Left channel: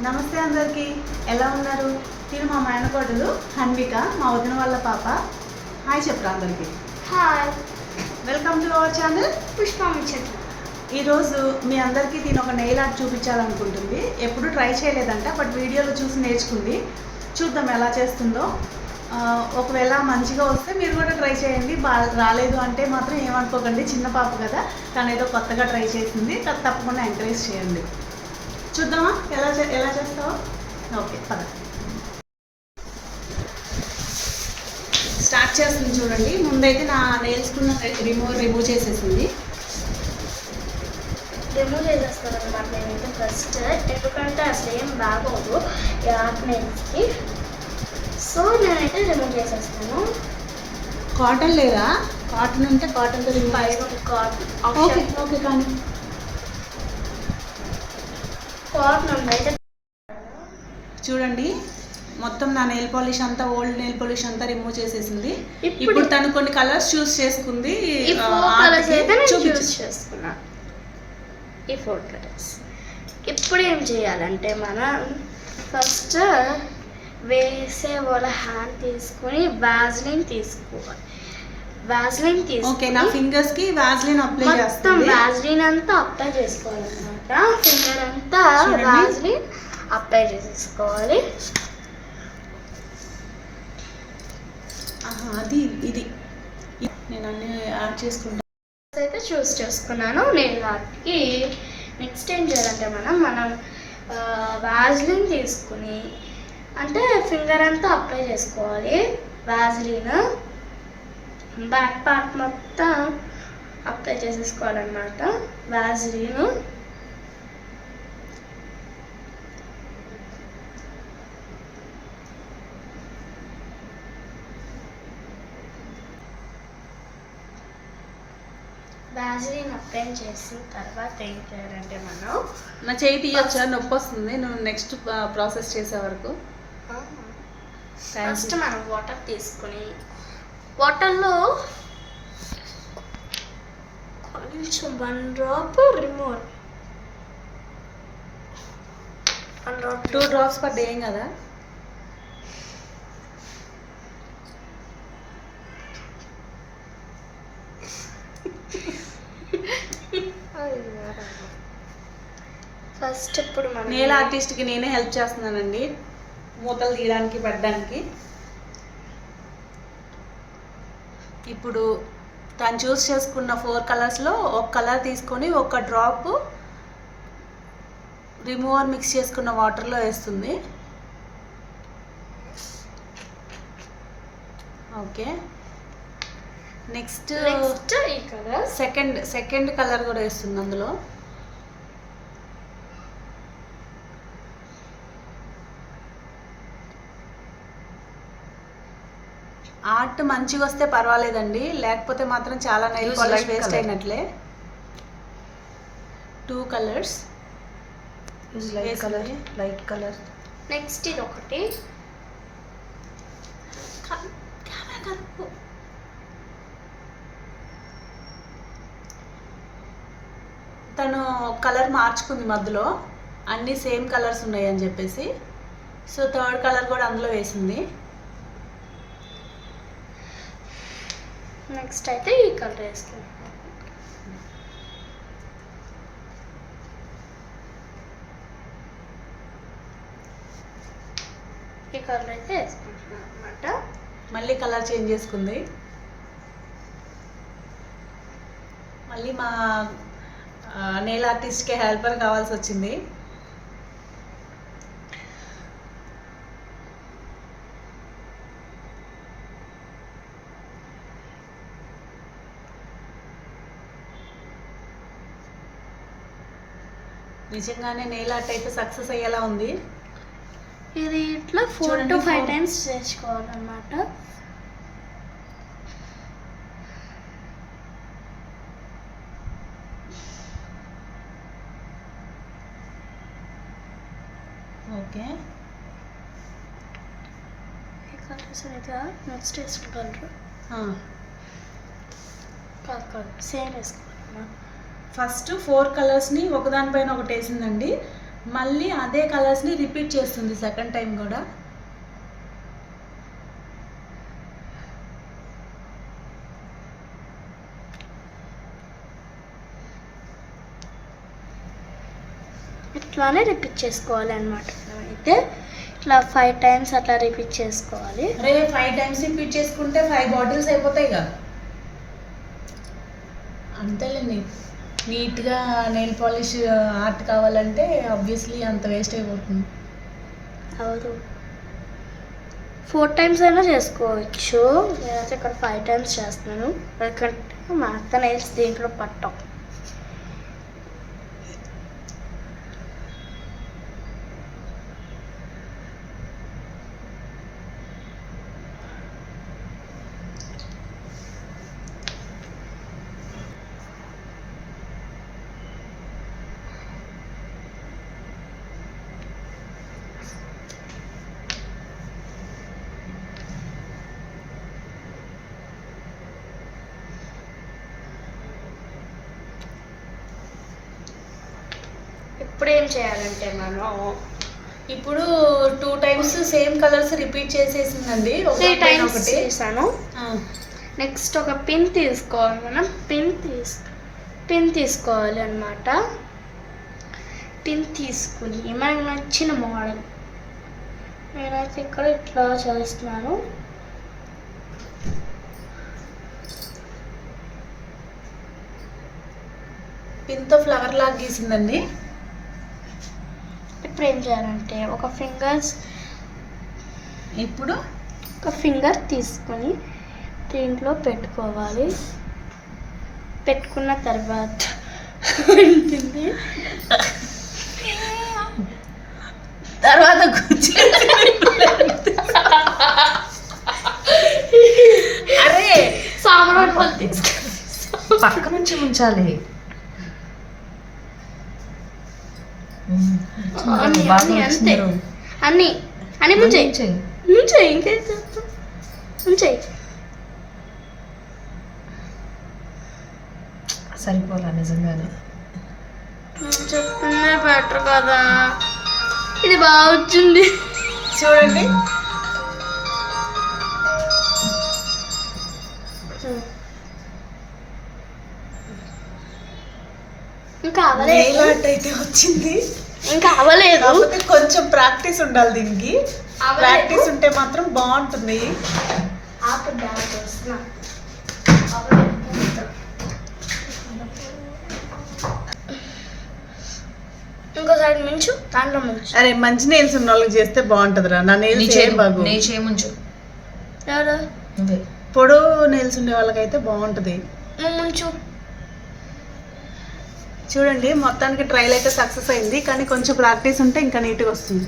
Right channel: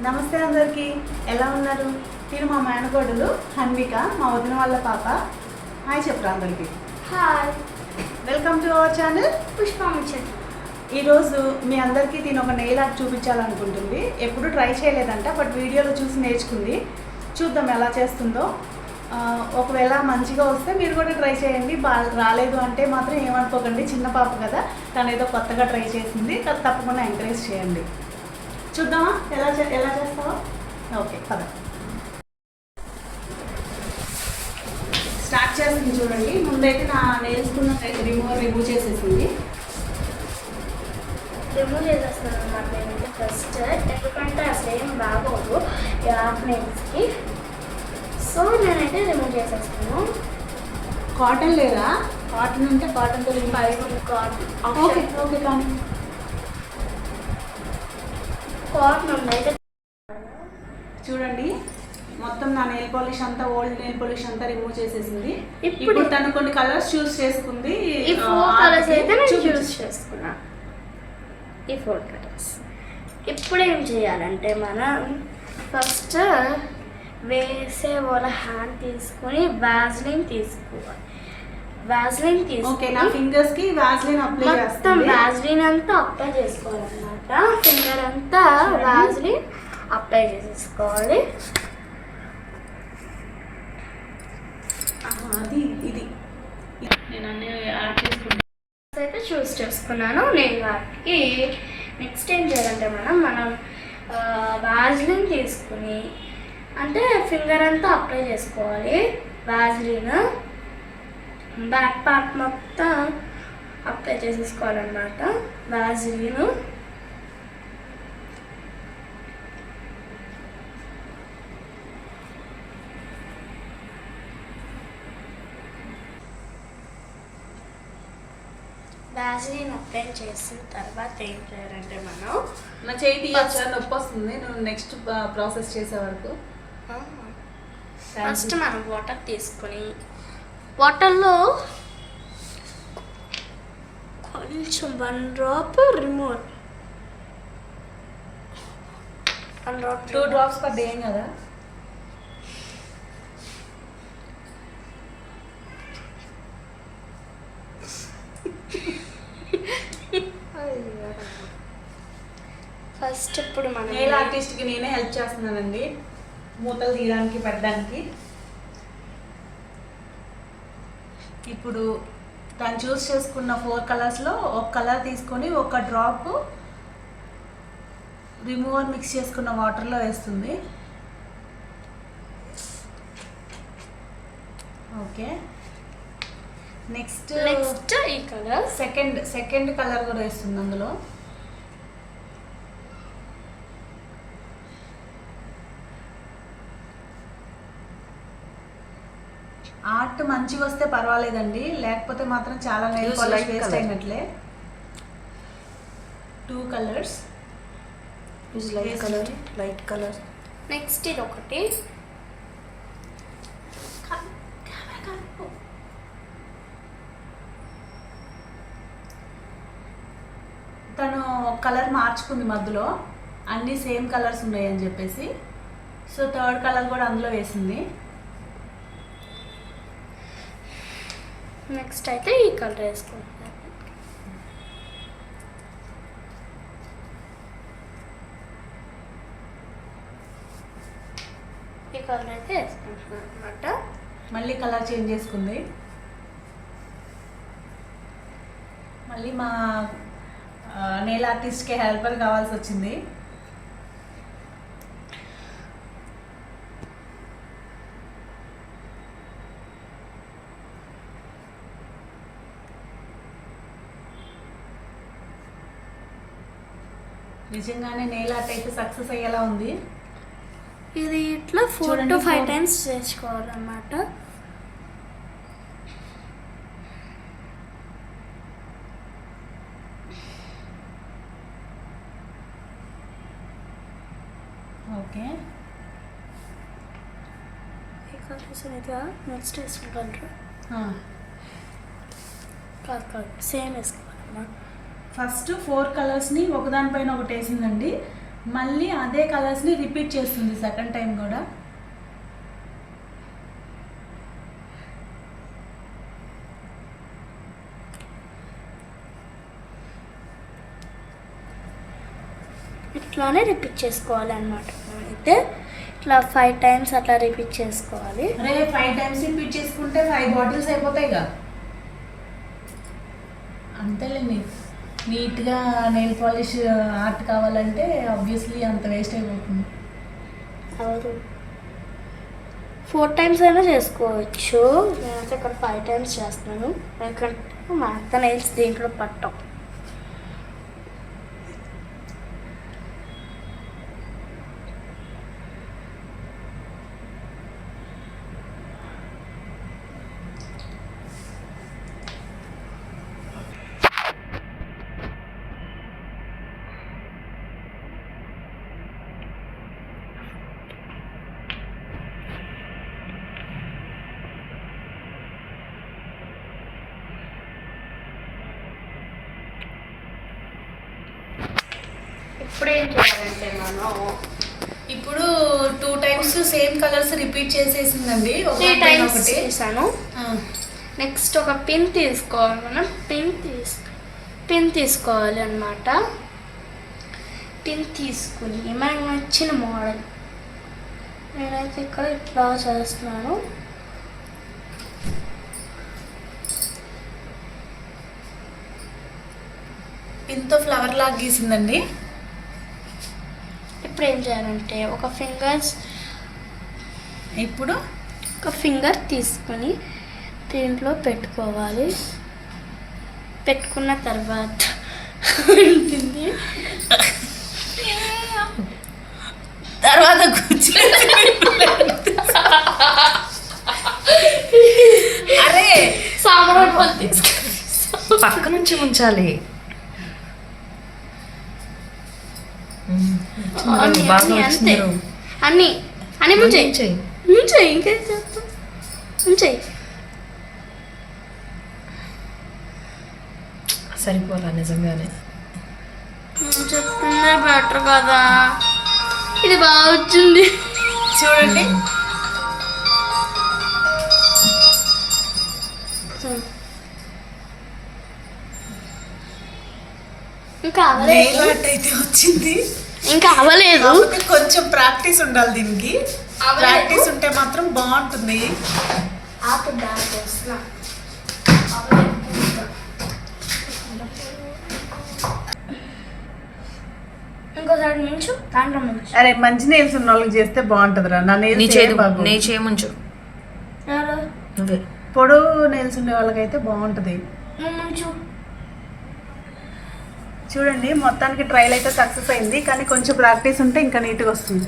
నమస్తే అందరికీ, ఎలా ఉన్నారు? నేను మా మేనకోడలు హన్విక, మా వదిన వాళ్ళ పాప. హాయ్ చెప్పరా అందరికీ. Hi, welcome to our channel పుష్పముచ్చట్లు. ఈరోజు మీ అందరికీ దీని ఒక నెయిల్ ఆర్ట్ చూపించాలనుకుంటుంది. ఎప్పుడు ట్రై చేయలేదంట, బట్ వీడియోలో చూసి నేర్చుకుంది. చూద్దాం ఎలా చేస్తుందో. ఒకవేళ మంచిగా వస్తే మీరు కూడా ట్రై చేయండి. రాలేదు అంటే మాత్రం ఏమనుకోకండి, చిన్న పాప కదా, తను ఏదో కొత్తగా ట్రై చేసింది, తప్పకుండా ఎంకరేజ్ చేయండి. చూద్దామా ఎలా చేస్తావో. ఓకే, పద. స్టార్ట్ చేస్తుంది చూడండి. ముందైతే నా నెయిల్స్కున్న రిమూవ్ చేసేసింది. రిమూవ్ చేసేస్తాను అనమాట నేనైతే ఫస్ట్, ఎందుకంటే అసలు ఏం బాగోదు ఈ ఆర్ట్ నెయిల్స్కి. సో నేనైతే రిమూవ్ చేసేస్తాను. కాటన్ లేదా? కాటన్ ఉంటే కాటన్తో ఓకే ఓకే. కానీ కాటన్ అయితే చూడండి, మొత్తం నా నెయిల్ పాలిష్ అంతా, ఓల్డ్ నెయిల్ పాలిష్ అంతా రిమూవ్ చేసేసింది. ఇప్పుడు తను కొన్ని కలర్స్ చూస్ చేసుకుంది. ఈ 4 కలర్స్ అయితే నేను చూస్ చేసుకున్నా. ఈ 4 కలర్స్ ఇప్పుడు ఏం చేయాలంటే మనం ఫస్ట్ వేసే వాళ్ళ హ్యాండ్ తీసుకుని వాజ్లిన్ తీసుకోవాలి. వాజ్లిన్ ఓకే, నా ఫింగర్స్ కి వాజ్లిన్ అప్లై మొత్తం వాజ్లిన్ అంతా అప్లై చేసుకోవాలన్నమాట. ఫింగర్ అంతా వాజ్లిన్ అప్లై చేసేసుకోవాలి. అది ఇది నేను అన్ని యాడ్ చేసుకుంటాను. అయితే చూస్ చేసుకున్నాను. నేను వాటికి నెక్స్ట్ ఏం చేయాలంటే మనం వాజ్లిన్ తీసుకుని అంటే ఫింగర్ అంతా అప్లై చేసుకోవాలి. వాజ్లిన్ బ్యాక్ పార్ట్ మొత్తం అప్లై చేసేసుకోవాలన్నమాట. వాజ్లిన్ వాజ్లిన్ అప్లై చేసిన తర్వాత ఏం చేయాలంటే మనం నా చేయి తీయొచ్చా? నొప్పి వస్తుంది నువ్వు నెక్స్ట్ ప్రాసెస్ చేసే వరకు. ఫస్ట్ మనం వాటర్ తీసుకొని వాటర్లో కొంచెం 1 drop remove, 1 drop 2 drops per day కదా. ఫస్ట్ ఇప్పుడు మనం నెయిల్ ఆర్టిస్ట్కి నేనే హెల్ప్ చేస్తున్నానండి, మూతలు తీయడానికి, పెట్టడానికి. ఇప్పుడు తను చూస్ చేసుకున్న 4 కలర్స్లో ఒక కలర్ తీసుకొని ఒక డ్రాప్ రిమూవర్ మిక్స్ చేసుకున్న వాటర్లో వేస్తుంది. ఓకే, నెక్స్ట్ ఈ కలర్ సెకండ్ కలర్ కూడా వేస్తుంది అందులో. ఆర్ట్ మంచిగా వస్తే పర్వాలేదండి, లేకపోతే మాత్రం చాలా నెయిల్ పాలిష్ వేస్ట్ అయినట్లే. 2 కలర్స్ లైట్ కలర్. నెక్స్ట్ ఇది ఒకటి. తను కలర్ మార్చుకుంది మధ్యలో, అన్నీ సేమ్ కలర్స్ ఉన్నాయి అని చెప్పేసి. సో 3rd కలర్ కూడా అందులో వేసింది. నెక్స్ట్ అయితే ఈ కలర్ వేసుకుంటాం. ఈ కలర్ అయితే వేసుకుంటున్నాం అనమాట. మళ్ళీ కలర్ చేంజ్ చేసుకుంది. మళ్ళీ మా నెయిల్ ఆర్టిస్ట్కి హెల్పర్ కావాల్సి వచ్చింది. నిజంగానే నెయిల్ ఆర్ట్ అయితే సక్సెస్ అయ్యేలా ఉంది. ఇది ఇట్లా 4 to 5 టైమ్స్ చేసుకోవాలన్నమాట. ఓకే, ఈ కలర్స్ అయితే నెక్స్ట్ వేసుకోగలరు. కాదు సేమ్ వేసుకోవాలమ్మా. ఫస్ట్ 4 కలర్స్ని ఒకదానిపైన ఒకటి వేసిందండి. మళ్ళీ అదే కలర్స్ని రిపీట్ చేస్తుంది సెకండ్ టైం కూడా. ఇట్లానే రిపీట్ చేసుకోవాలి అనమాట. అయితే ఇట్లా 5 times అట్లా రిపీట్ చేసుకోవాలి. అరే 5 times రిపీట్ చేసుకుంటే 5 బాటిల్స్ అయిపోతాయిగా. అంతేలేండి, నీట్గా నెయిల్ పాలిష్ ఆర్ట్ కావాలంటే ఆబ్వియస్లీ అంత వేస్ట్ అయిపోతుంది. అవదు 4 times అయినా చేసుకోవచ్చు. నేనైతే ఇక్కడ 5 times చేస్తున్నాను, ఎందుకంటే మా అత్త నెయిల్స్ దీంట్లో పట్టం. ఇప్పుడు ఏం చేయాలంటే మనం ఇప్పుడు 2 times సేమ్ కలర్స్ రిపీట్ చేసేసిందండి. 3 times చేశాను. నెక్స్ట్ ఒక పిన్ తీసుకోవాలి. మనం పిన్ తీసుకోవాలి అన్నమాట. పిన్ తీసుకుని మనకు నచ్చిన మోడల్, నేనైతే ఇక్కడ ఇట్లా చేస్తున్నాను. పిన్తో ఫ్లవర్ లాగా గీసిందండి. ఇప్పుడు ఏం చేయాలంటే ఒక ఫింగర్ తీసుకొని దీంట్లో పెట్టుకోవాలి. పెట్టుకున్న తర్వాత ఉంటుంది తర్వాత అరే సాంబ్రాణి పళ్ళు తీసుకొని పక్క నుంచి ఉంచాలి. అంతే అన్ని ముంచేయి ఇంకేం చేస్తాం. ముంచేయి సరిపోలా నిజంగానే. చెప్తుందే బెటర్ కదా. ఇది బాగా వచ్చింది చూడండి. ఇంకా అవ్వలేదు. అయితే వచ్చింది, ఇంకా అవ్వలేదు. కొంచెం ప్రాక్టీస్ ఉండాలి దీనికి. ప్రాక్టీస్ ఉంటే మాత్రం బాగుంటుంది. ఇంకోసారి మించు, దాంట్లో మించు. అరే మంచి నెయిల్స్ ఉన్న వాళ్ళకి చేస్తే బాగుంటుందిరా. నా నెయిల్స్ బాగు చేయముంచు. ఎవరు పొడవు నెయిల్స్ ఉండే వాళ్ళకైతే బాగుంటుంది. ముంచు. చూడండి మొత్తానికి ట్రైల్ అయితే సక్సెస్ అయింది, కానీ కొంచెం ప్రాక్టీస్ ఉంటే ఇంకా నీట్గా వస్తుంది.